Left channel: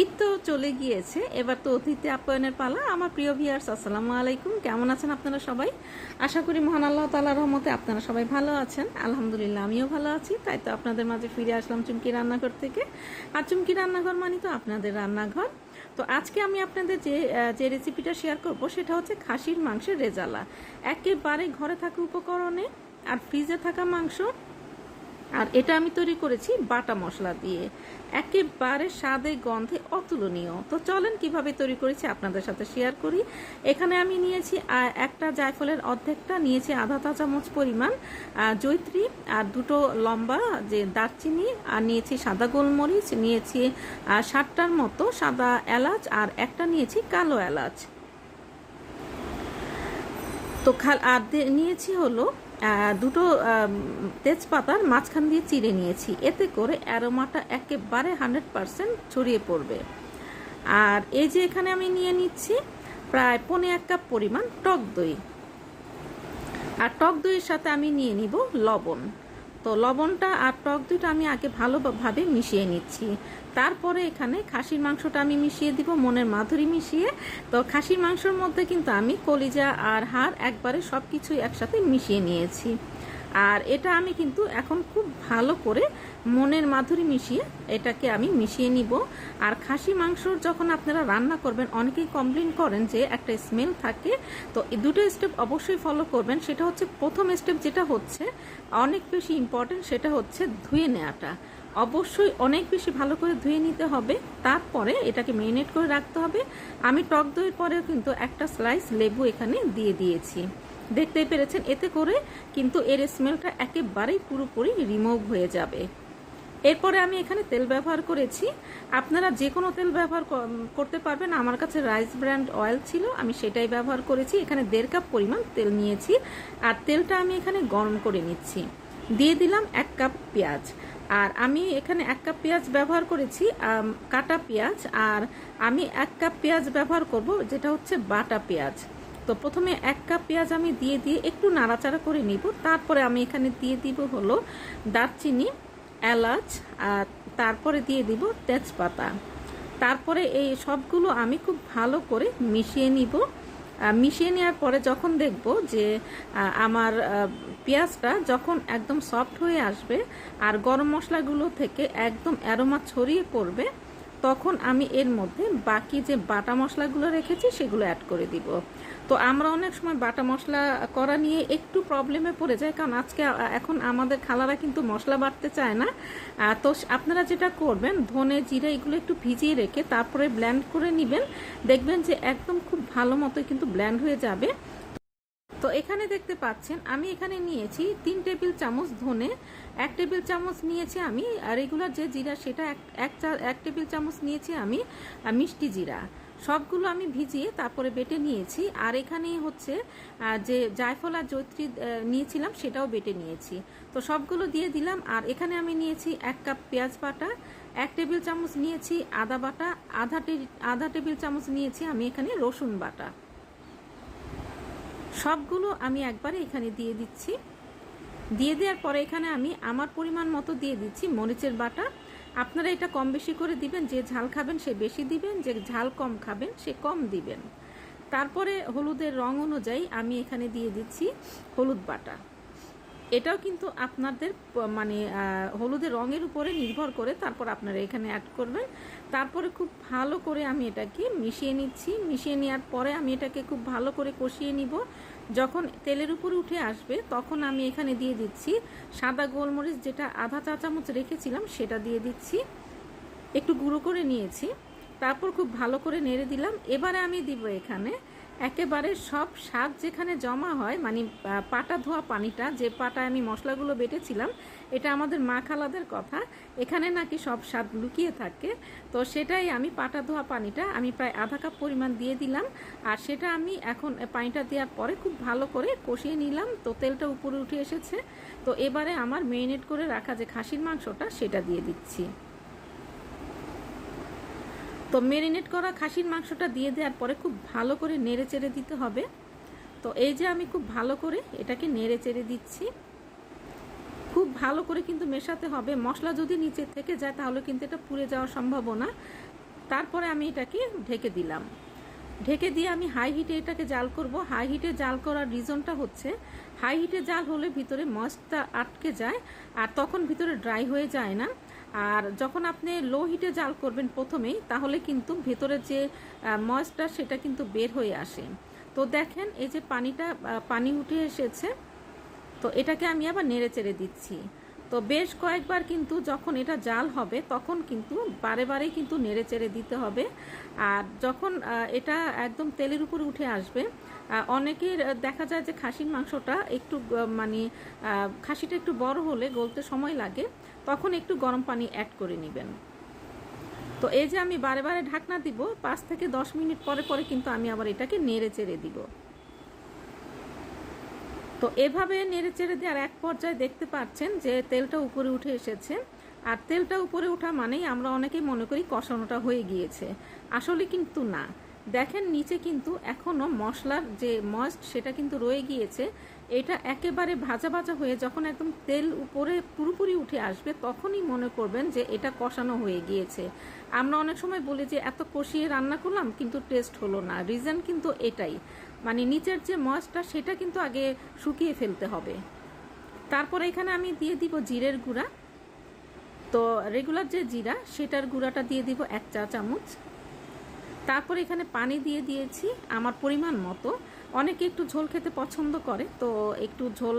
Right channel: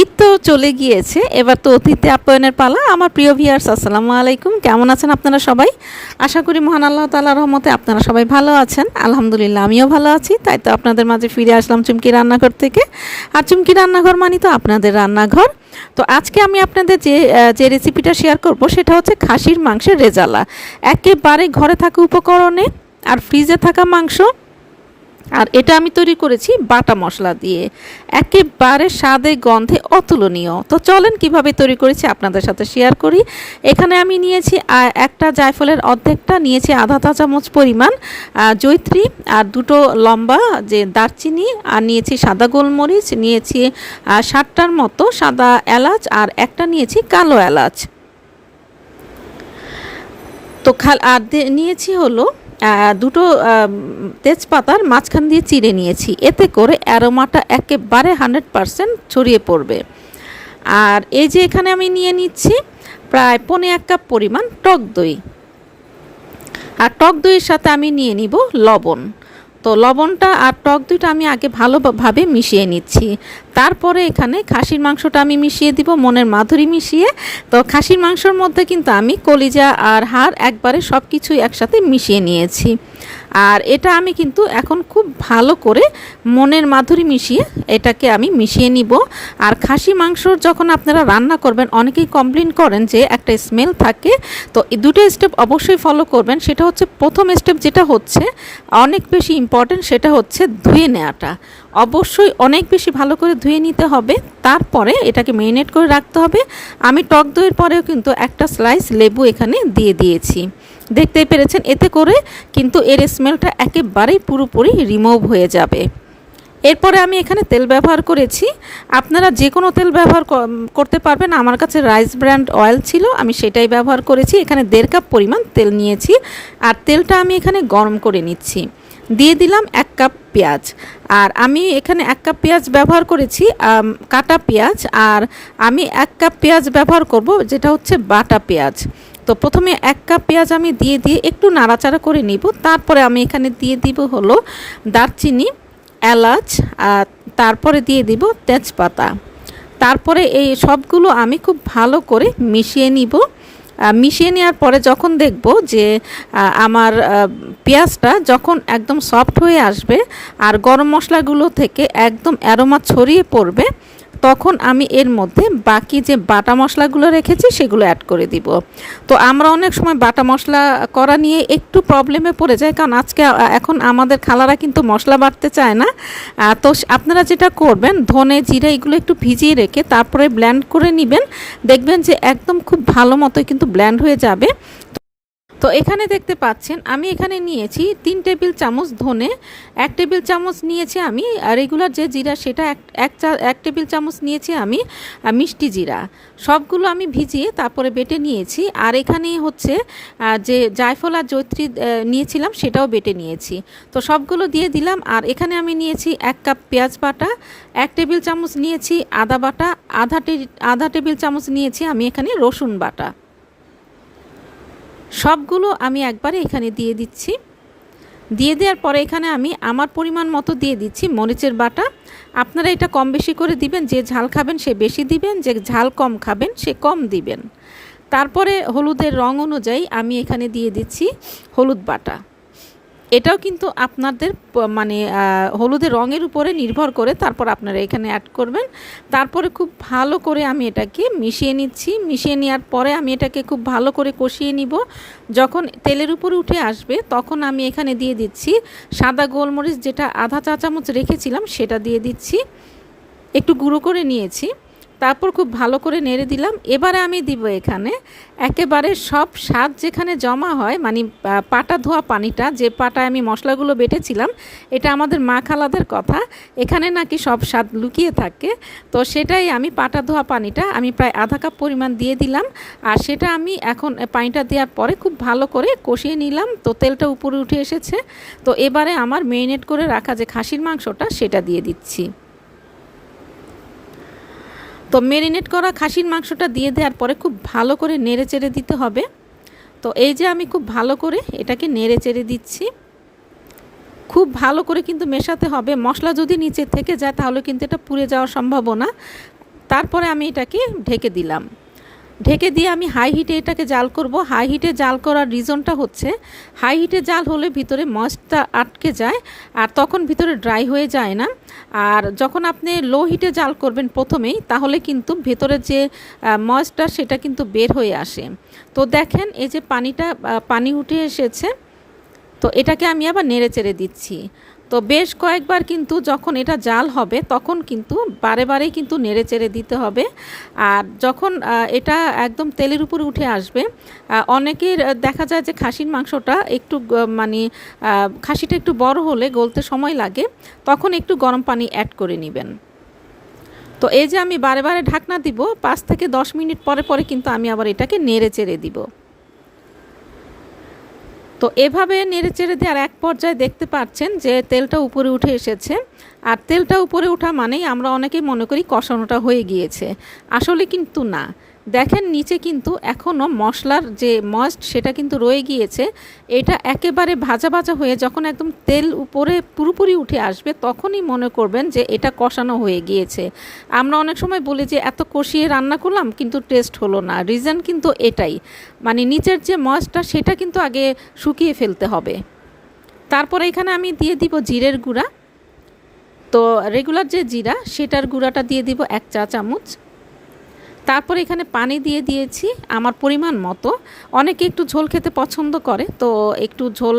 ঈদ তো চলে গিয়েছে, এবার তো অতিথি আপ্যায়নের পালা। আমার প্রিয় ভিউয়ার্স, আসসালামু আলাইকুম। কেমন আছেন আপনারা সবাই? আশা করি মহান আল্লাহ তাআলার রহমতে আপনারা সবাই ভালো আছেন। আলহামদুলিল্লাহ, আমিও ভালো আছি। তাই তো আপনাদের মাঝে ফিরে আসলাম চুমকি রান্নাঘর থেকে। আর চুমকি রান্নাঘর মানে তো আপনাদের রান্নাঘর। তো আজকে আমি আপনাদের যে রেসিপিটা শেয়ার করব সেটা হচ্ছে খাসির মাংসের রেজালা। একেবারে ঘরে থাকা উপকরণে আর ফ্রিজে থাকা মাংস। আর এটা আমি তৈরি করেছি বাটা মশলা দিয়ে, একেবারে স্বাদে গন্ধে অতুলনীয়। তো চলেন কিভাবে তৈরি করেছি আপনাদের সাথে শেয়ার করি। এখানে আমি নিয়েছি একটা জায়ফলের অর্ধেকটা, নিয়েছি আধা চা চামচ পরিমাণ জয়িত্রী, আর দুটো লম্বা যে দারচিনি, আর নিয়েছি সাদা গোলমরিচ, নিয়েছি 60টার মতো সাদা এলাচ, আর একটা নিয়েছি কালো এলাচ। তো আর নিয়েছি হলো দুটো তেজপাতার মাঝখান দিয়ে চিড়ে নিয়েছি, এতে করে অ্যারোমাটা একেবারে 100% ছড়িয়ে পড়বে। আর এই যে এখানে আমি নিয়ে নিচ্ছি প্রায় 1.25 কাপ পরিমাণ টক দই, আর টক দইয়ের সাথে আমি নিয়ে নিব লবণ। তো লবণটা আর টক দইটা আমি আগে ভালোভাবে মিশিয়ে নিচ্ছি। তারপরে এখানে খাসির মাংসটা আমি মিশিয়ে দিব মনের মাধুরী মিশিয়ে। তো খাসির মাংসর মধ্যে কিন্তু আমি কলিজা আর হাড় একবারে সব কিছুই একসাথে মিশিয়ে নিয়েছি। আর এটা আমি কিন্তু এখন খুব ভালো করে মনের মাধুরী মিশিয়ে এটাকে আমি মিশিয়ে নিব। আর খাসি মাংসর যখন আপনারা রান্না করবেন, অনেকেই কমপ্লেন করেন যে একটা স্মেল থাকে। তো এই দুটো স্টেপ অবশ্যই ফলো করবেন। সেটা হচ্ছে, প্রথম স্টেপ যেটা হচ্ছে অনেক বেশি ইম্পর্টেন্ট, সেটা হচ্ছে ধুয়ে নেওয়াটা। অবশ্যই অনেক বেশি ভালো করে ধুয়ে নিতে হবে, তারপরে এটাকে ম্যারিনেট করে রাখতে হবে। আমি টক দইয়ের পরেও কিন্তু একটা স্লাইস লেবু এখানে দিয়ে দিয়েছি, দেখতেই পেরেছেন। এতে করে কিন্তু এর স্মেলটা একেবারেই পুরোপুরি রিমুভ হয়ে যাবে। এরপরে আমি এখানে তেল ব্যবহার করেছি, আপনারা যে কোনো তেল ব্যবহার করতে পারবেন। আমার কাছে রাইস ব্র্যান্ড অয়েল ছিল, আমি সেটাই ব্যবহার করেছি। এখানে 1.5 কাপ পরিমাণ তেল নিয়েছি, আর তেলটা আমি এখানে গরম করে নিচ্ছি। দিয়ে দিলাম 1 কাপ পেঁয়াজ, আর আমি এখানে 1 কাপ পেঁয়াজ ব্যবহার করেছি কাটা পেঁয়াজ, আর আমি 1 কাপ পেঁয়াজ ব্যবহার করব যেটা হচ্ছে বাটা পেঁয়াজ। তো প্রথমে 1 কাপ পেঁয়াজ আমি দিয়ে একটু নাড়াচাড়া করে নিব। তারপরে আমি এখানে দিয়ে দিব হলো দারচিনি, এলাচ, তারপরে দিয়ে দিব তেজপাতা। তারপরে এই সবগুলো আমি খুব ভালো করে মিশিয়ে নিব। মিশিয়ে নেওয়ার পরে যখন দেখব যে আমার পেঁয়াজটা যখন একদম সফট হয়ে আসবে আর গরম মশলাগুলো থেকে একদম অ্যারোমা ছড়িয়ে পড়বে, তখন আমি এর মধ্যে বাকি যে বাটা মশলাগুলো রেখেছি সেগুলো অ্যাড করে দিব। তো আমরা অনেক সময় বাটা মশলা করা নিয়ে একটু প্রবলেমে পড়ে যাই, কারণ এখন আমাদের খালারা কিন্তু মশলা বাটতে চায় না। তো আপনারা যেটা করবেন, ধনে জিরা এগুলো একটু ভিজিয়ে রেখে তারপরে ব্লেন্ড করে নেবেন, দেখবেন যে একদম খুব ভালো মতো কিন্তু ব্লেন্ড হয়ে যাবে। তো এখানে দেখতে পাচ্ছেন আমি এখানে নিয়েছি 3 টেবিল চামচ ধনে, 1 টেবিল চামচ নিয়েছি আমি রেগুলার যে জিরা, সেটা 1 টেবিল চামচ নিয়েছি আমি মিষ্টি জিরা। সবগুলো আমি ভিজিয়ে তারপরে বেটে নিয়েছি। আর এখানে হচ্ছে যে জায়ফল আর জয়িত্রী নিয়েছিলাম সেটাও বেটে নিয়েছি। তো সবগুলো দিয়ে দিলাম। আর এখানে আমি নিয়েছি 1 কাপ পেঁয়াজ বাটা, 1 টেবিল চামচ নিয়েছি আদা বাটা, আধা টেবিল চামচ নিয়েছি আমি এখানে রসুন বাটা। সবগুলো আমি একবারে এখানে দিয়ে দিচ্ছি। দিয়ে দেওয়ার পরে এখানে আমি আমার পরিমাণ মতো দিয়ে দিচ্ছি মরিচের বাটা। আপনারা এটা কম বেশি করে দিবেন, যে ঝাল খাবেন সে বেশি দিবেন, যে ঝাল কম খাবেন সে কম দিবেন। তারপরে হলুদের রং অনুযায়ী আমি এখানে দিয়ে দিচ্ছি হলুদ বাটা। এটাও কিন্তু আপনাদের মানে হলুদের রঙের উপরে নির্ভর করে তারপর আপনারা এখানে অ্যাড করবেন। তারপরে খুব ভালো করে আমি এটাকে মিশিয়ে নিচ্ছি। মিশিয়ে নেওয়ার পরে আমি এটাকে খুব ভালো করে কষিয়ে নিব। যখন তেলের উপরে উঠে আসবে তখন আমি এখানে দিয়ে দিচ্ছি সাদা গোলমরিচ, যেটা আধা চা চামচ রেখেছিলাম সেটা দিয়ে দিচ্ছি, একটু গুঁড়ো করে নিয়েছি। তারপর খুব ভালো করে নেড়ে দিলাম। এবারে আমি দিব এখানে একেবারে সব স্বাদ যেখানে জমা হয়, মানে পাটা ধোয়া পানিটা, যে পাটায় আমি মশলাগুলো বেটেছিলাম। এটা আমাদের মা খালাদের কথা, এখানে নাকি সব স্বাদ লুকিয়ে থাকে। তো সেটাই আমি পাটা ধোয়া পানিটা আমি প্রায় আধা কাপ পরিমাণ দিয়ে দিলাম। আর সেটা আমি এখন পানিটা দেওয়ার পরে খুব ভালো করে কষিয়ে নিলাম। তো তেলটা উপরে উঠে এসেছে। তো এবারে আমার ম্যারিনেট করে রাখা যে খাসির মাংসটা সেটা দিয়ে দিচ্ছি। তো ম্যারিনেট করা খাসির মাংসটা দিয়ে দেওয়ার পরে খুব ভালো করে নেড়ে চেড়ে দিতে হবে। তো এই যে আমি খুব ভালো করে এটাকে নেড়ে চেড়ে দিচ্ছি, খুব ভালো করে কিন্তু মেশাতে হবে। মশলা যদি নিচে থেকে যায় তাহলে কিন্তু এটা পুড়ে যাওয়ার সম্ভাবনা। তারপরে আমি এটাকে ঢেকে দিলাম। ঢেকে দিয়ে আমি হাই হিটে এটাকে জাল করব। হাই হিটে জাল করার রিজনটা হচ্ছে, হাই হিটে জাল হলে ভিতরে ময়েস্টটা আটকে যায় আর তখন ভিতরে ড্রাই হয়ে যায় না। আর যখন আপনি লো হিটে জাল করবেন প্রথমেই, তাহলে কিন্তু ভেতরে যে ময়েস্টটা সেটা কিন্তু বের হয়ে আসে। তো দেখেন এই যে পানি উঠে এসেছে। তো এটাকে আমি আবার নেড়ে চেড়ে দিচ্ছি। তো বেশ কয়েকবার কিন্তু যখন এটা জাল হবে তখন কিন্তু বারে বারেই কিন্তু নেড়ে চেড়ে দিতে হবে। আর যখন এটা একদম তেলের উপরে উঠে আসবে, অনেকের দেখা যায় যে খাসির মাংসটা একটু মানে খাসিটা একটু বড় হলে গলতে সময় লাগে, তখন একটু গরম পানি অ্যাড করে নেবেন। তো এই যে আমি বারে বারে ঢাকনা দিব, 5 থেকে 10 মিনিট পরে পরে কিন্তু আমি আবার এটাকে নেড়ে চেড়ে দিব। তো এভাবে নেড়েচেড়ে দেওয়ার এক পর্যায়ে দেখতে পাচ্ছেন যে তেলটা উপরে উঠে এসেছে। আর তেলটা উপরে ওঠা মানেই আমরা অনেকেই মনে করি কষানোটা হয়ে গিয়েছে, আসলে কিন্তু না। দেখেন নিচে কিন্তু এখনও মশলার যে ময়েস্ট সেটা কিন্তু রয়ে গিয়েছে। এটা একেবারে ভাজা ভাজা হয়ে যখন একদম তেল উপরে পুরোপুরি উঠে আসবে তখনই মনে করবেন যে এটা কষানো হয়ে গিয়েছে। আমরা অনেক সময় বলি যে এত কষিয়ে রান্না করলাম কিন্তু টেস্ট হলো না, রিজন কিন্তু এটাই, মানে নিচের যে ময়েস্টটা সেটা কিন্তু আগে শুকিয়ে ফেলতে হবে। তারপরে এখানে আমি দিয়ে দিব জিরের গুঁড়া। তো রেগুলার যে জিরা সেটার গুঁড়াটা দিয়ে দিব 1 চা চামচ। তারপরে এখানে পানি দিয়ে দিয়েছি আমার পরিমাণ মতো। অনেকে একটু ঝোল খেতে পছন্দ করে, তো একটু ঝোল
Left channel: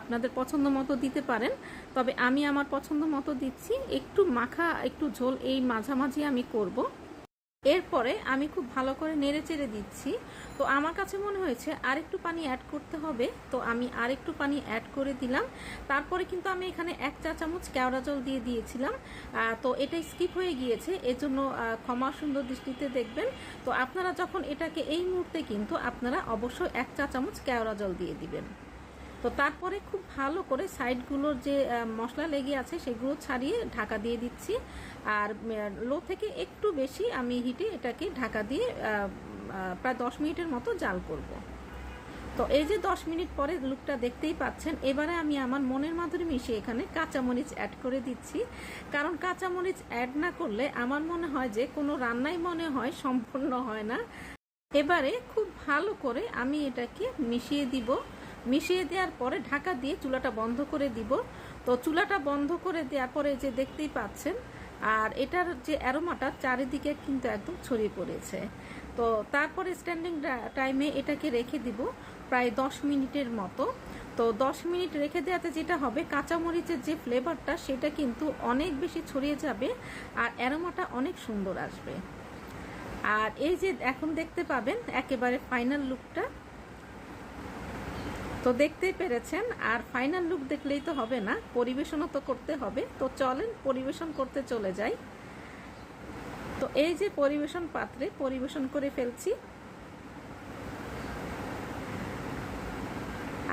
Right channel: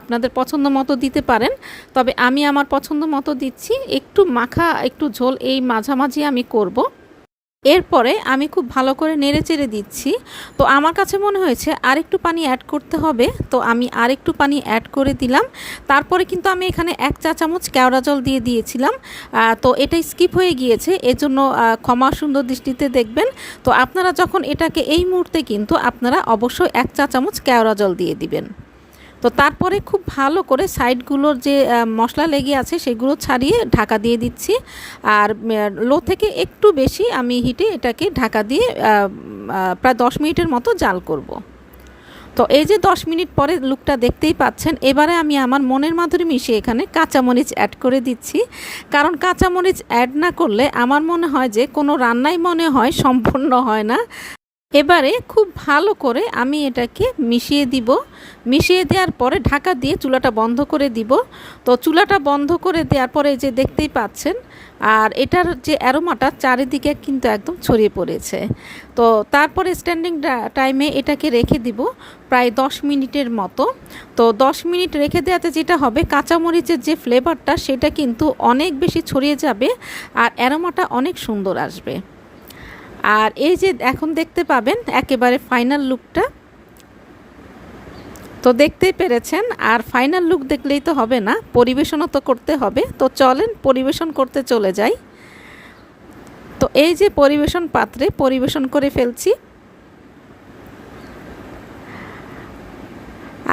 আপনাদের পছন্দ মতো দিতে পারেন, তবে আমি আমার পছন্দ মতো দিচ্ছি। একটু মাখা একটু ঝোল এই মাঝামাঝি আমি করব। এরপরে আমি খুব ভালো করে নেড়েচেড়ে দিচ্ছি। তো আমার কাছে মনে হয়েছে আরেকটু পানি অ্যাড করতে হবে, তো আমি আরেকটু পানি অ্যাড করে দিলাম। তারপরে কিন্তু আমি এখানে 1 চা চামচ কেওড়া জল দিয়ে দিয়েছিলাম। তো এটাই স্কিপ হয়ে গিয়েছে, এজন্য ক্ষমা সুন্দর দৃষ্টিতে দেখবেন। তো আপনারা যখন এটাকে এই মুহূর্তে কিন্তু আপনারা অবশ্যই 1 চা চামচ কেওড়া জল দিয়ে দিবেন। তো তারপরে খুব ভালো করে সাইডগুলোর যে মশলা লেগে আছে সেগুলো ছাড়িয়ে ঢাকা দিয়ে দিচ্ছি। আর লো থেকে একটু বেশি আমি হিটে এটাকে ঢাকা দিয়ে প্রায় 10 মিনিটের মতো জাল করব। তো এই যে 10 মিনিট পরে লুকটা দেখতেই পাচ্ছেন। এবারে আমি আমার মনের মাধুরী মিশিয়ে এখানে কাঁচামরিচ অ্যাড করে দিচ্ছি, কারণ কাঁচামরিচ অ্যাড না করলে আমার মনে হয় যে কোনো রান্নাই মনে হয় সম্পূর্ণ হয় না। এবারে খুব ভালো করে আমি এটাকে মিশিয়ে দিব। মিশিয়ে দেওয়ার পরে ঢাকা দিয়ে চুলাটা বন্ধ করে দিব। তো চুলাটা বন্ধ করে দেওয়ার পরে যে দেখতেই পাচ্ছেন, আর এটার যে অ্যারোমাটা চারিদিকে কিন্তু একদম ছড়িয়ে পড়েছে। তো তারপরে স্ট্যান্ডিং টাইমে এটাকে রেখে দিব প্রায় 10 মিনিটের মতো। তো 10 মিনিট রেখে দেওয়াতে যেটা হবে, কাঁচামরিচের যে ফ্লেভারটা সেটা কিন্তু অনেক বেশি ছড়িয়ে যাবে আর অ্যারোমাটা অনেক সুন্দর আসবে। আর এই যে এখন দেখতে পাবেন একেবারে ফাইনাল লুকটা। তো দেখতেই পেরেছেন, আর ফাইনাল লুক দেখলেই তো হবে না, পরিবেশনও তো করতে হবে। তো চলেন পরিবেশন করতে চলে যাই। তো এই যে পরিবেশন পাত্রে পরিবেশন করে ফেলছি।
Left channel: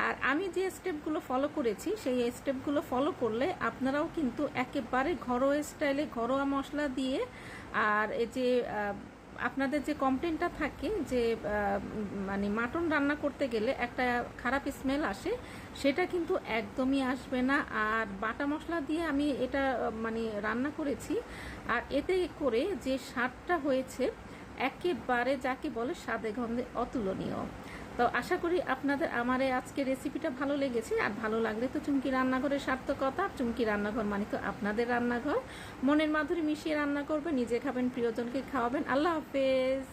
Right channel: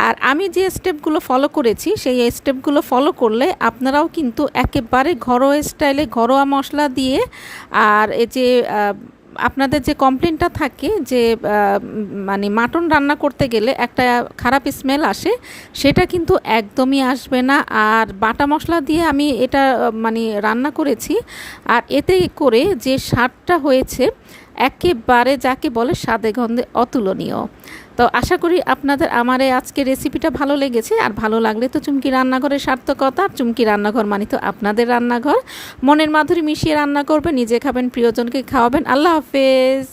আর আমি যে স্টেপগুলো ফলো করেছি সেই স্টেপগুলো ফলো করলে আপনারাও কিন্তু একেবারে ঘরোয়া স্টাইলে ঘরোয়া মশলা দিয়ে, আর এই যে আপনাদের যে কমপ্লেনটা থাকে যে মানে মাটন রান্না করতে গেলে একটা খারাপ স্মেল আসে, সেটা কিন্তু একদমই আসবে না। আর বাটা মশলা দিয়ে আমি এটা মানে রান্না করেছি, আর এতে করে যে স্বাদটা হয়েছে একেবারে যাকে বলে স্বাদে গন্ধে অতুলনীয়। তো আশা করি আপনাদের আমার এই আজকের রেসিপিটা ভালো লেগেছে। আর ভালো লাগলে তো চুমকি রান্নাঘরের সার্থকতা। আর চুমকি রান্নাঘর মানে তো আপনাদের রান্নাঘর। মনের মাধুরী মিশিয়ে রান্না করবেন, নিজে খাবেন, প্রিয়জনকে খাওয়াবেন। আল্লাহ হাফেজ।